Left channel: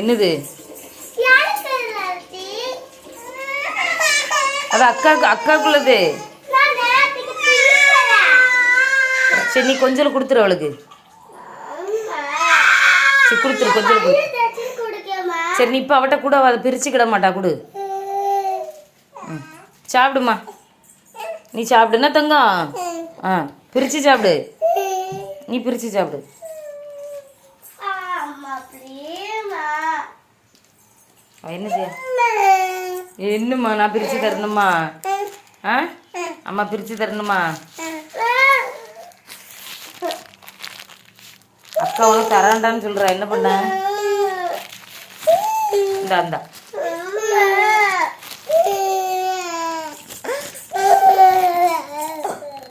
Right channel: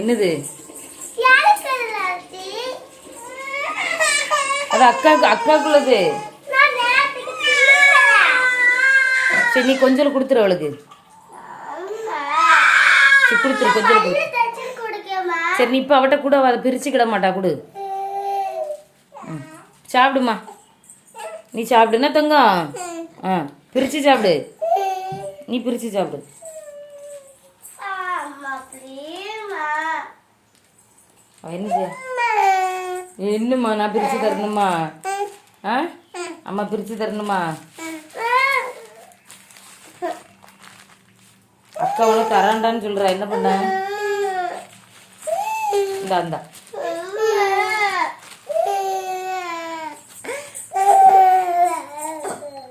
என்னது? அது அக்காக்குள்ளது. சரி, நீ கொஞ்சம் கொடுத்துரு அவளுக்கு. சரி, கொடுத்துரு, கொஞ்சம் கொடு. சரி, நீ இப்போ அவட்ட கூட அதை பிரிச்சுக்கிட மாட்டா, கொடு. சாப்பிடுமா, நீ சாப்பிடுனா தங்கம். பிரித்து சாப்பிடு, நீ பிரித்து சாப்பிடு. என்னது? என்னம்மா, நான் பிரித்து தரணுமா? அம்மா பிரித்து தரணுமா? அக்கா உனக்கு தராண்டான்னு சொல்கிறா, என்ன பண்ண? இந்தா